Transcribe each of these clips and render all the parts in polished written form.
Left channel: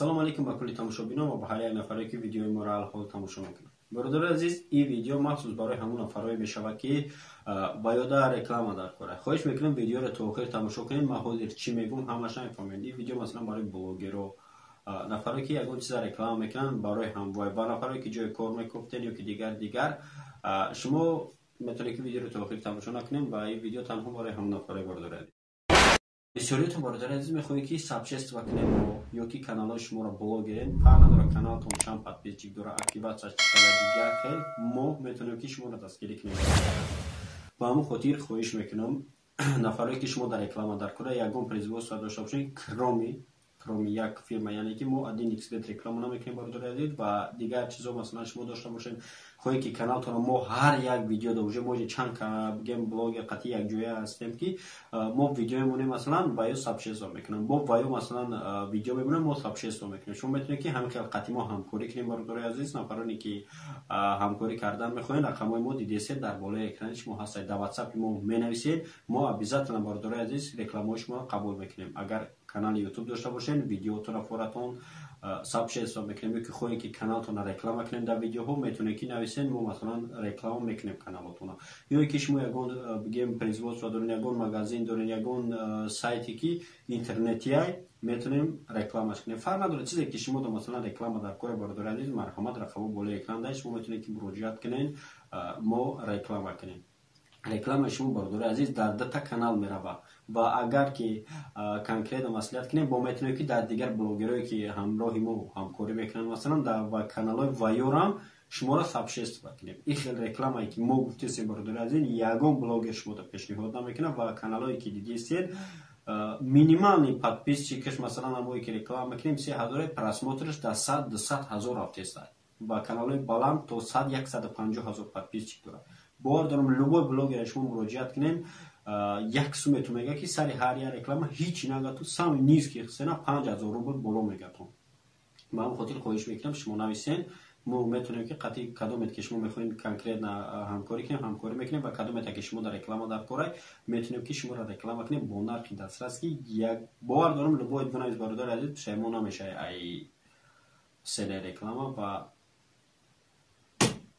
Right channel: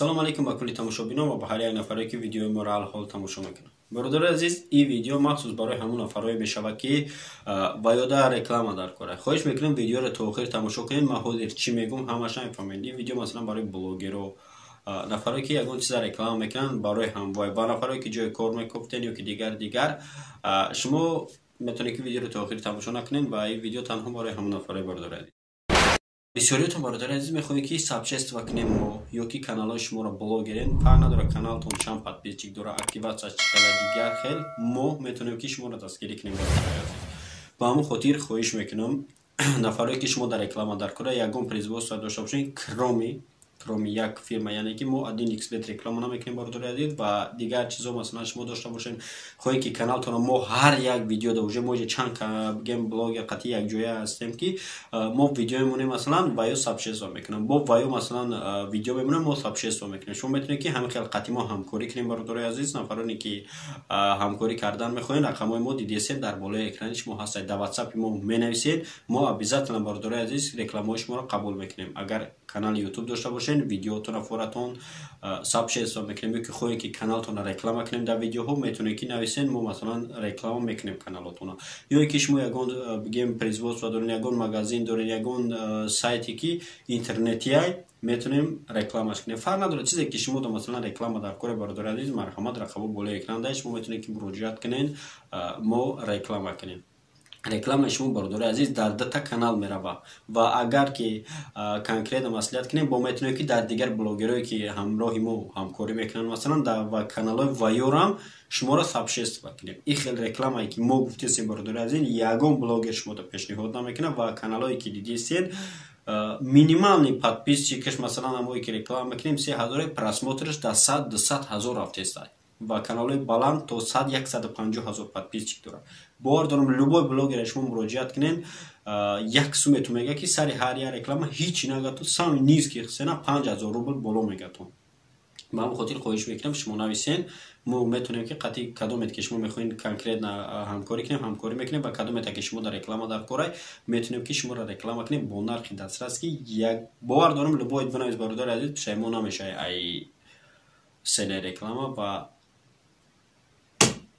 салом алейкум ба кулли тамошобинон ва ба ҳар як нафаре ки видеои моро алҳол тамошо мекунанд. Бародари азиз, ин видео махсус барои ҳамон нафарое мешавад ки ваёда реклама дар кора. Хоҳиш мекунам видеоро то охир тамошо кунед. Ман ҳозир чӣ мегӯм ҳамаш намефаҳмед. Ин видео масалан барои блогеро, нафаре ки ягон чиза реклама мекунанд барои ҳамвой, ба нафаре ки ҷои кор мекофтед ё ки дигар шумо метавонед ки видеоро то охир тамошо накунед ва ин видео танҳо барои ҳамон нафаре бародари азиз. Бисёриятон бародари азиз мехоҳед ки сабчества кунем ё ки каналҳои шуморо блогерен, фарқ надорад каналтон чанд подписчик дора, активация чиқадар дигар хел, мо метавонем ки шуморо дастгирӣ кунем. Ба ҳамон хотир хоҳиш мекунам нафаре ки шумо дар реклама дар кора ягон производство дошта бошед, кроме як фирма, яъне ки мо 1xbet реклама намекунем бародари азиз ва дигар чизо масалан шумо дошта бошед, хоҳед ки каналтонро мо ҳар як видео уже мо чанд гем блогер қати як ҷоя ҳастем ки мо видео мемонем масалан ваё сабшество мекунам, бо ваё масалан видео мемонем мо сабшество мекунем. Шумо метавонед ки ҳамин хел қати мо ҳамкорӣ кунем бародари азиз. Нафароне ки ҳамкорӣ кардан мехоҳед, рақамҳои мо дидесед дар болои экрани шумо ҳастад, дар WhatsApp мо менависед, мо обязательно бародари азиз рекламаҳои шуморо қабул мекунем. Агар канали YouTube дошта бошед, видеотон форатон сабшество мекунем, ё ки хоҳед ки каналтонро реклама кунем дар видеоҳо, метавонед ки нависед, мо масалан реклама мекунем каналотонро. Ё ки шумо ягон гем производство доред, ягон магазин доред, ягон сайти ки интернетиай метавонем рекламаш кунем. Фарқ надорад чизе ки шумо масалан реклама дар кори бародари азиз, марҳамат рақамо болои экран дашт, шумо метавонед ки муроҷиат кунед, мо реклама кунем. Реклама шумо бародари азиз дар дата канал мерава ва агар ки конкретно маслиҳат кунем, бо метавонем ки дар дигар блогерое ки ҳамроҳи мо ҳамкорӣ мекунанд масалан дар каналҳои ваёрам шуморо сабшество кунем. Ин хел рекламае ки мо гуфтесем бародари азиз, ягон блогер шумото пешниҳод намекунад ва каналҳое ки дидисед минимални подписчикаш масалан ҳамое ки реклама мекунем 3000 просмотраш дар 100-200 ҳазор рафтеста ва каналҳои баланд то 100-150 ҳазор подписчик дорад. бовар дорам любой блогер шумо муроҷиат кунед, як сумметон мега ки сари ҳар як реклама ҳичи нагату сами низки хисена 5000 рубл боло мегату. ба ҳамин хотир хоҳиш мекунам шумо нависен, мо метавонем ки қати кадомет ки шумо мехоҳед конкретно ҳамкорӣ кунем, ҳамкорӣ мекунем ва кадомете ки шумо дар реклама дар корай, метавонем ки шуморо реклама кунем бо нархи дастрас ки як бовар дорам любой бинавис бародари азиз пешаймон намешавед ай сене реклама ва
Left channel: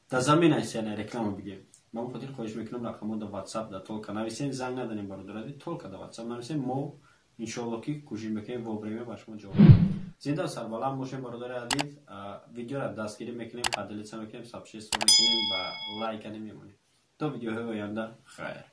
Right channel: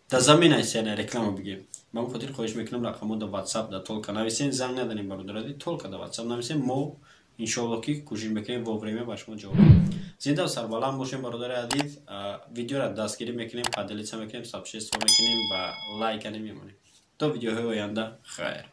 дар заминаи сене реклама бигем. Ба ҳамин хотир хоҳиш мекунам рақамҳо дар WhatsApp дар толка нависен, занг наданем бародари азиз, толка дар WhatsApp нависен, мо иншоалло ки кӯшиш мекунем во время ба шумо ҷавоб дадем. Зинда ва сарбаланд бошем бародари азиз. Видеоро дастгирӣ мекунем, падилица мекунем, сабшество мекунем ва лайка намемонем. То видеоҳои оянда хайр.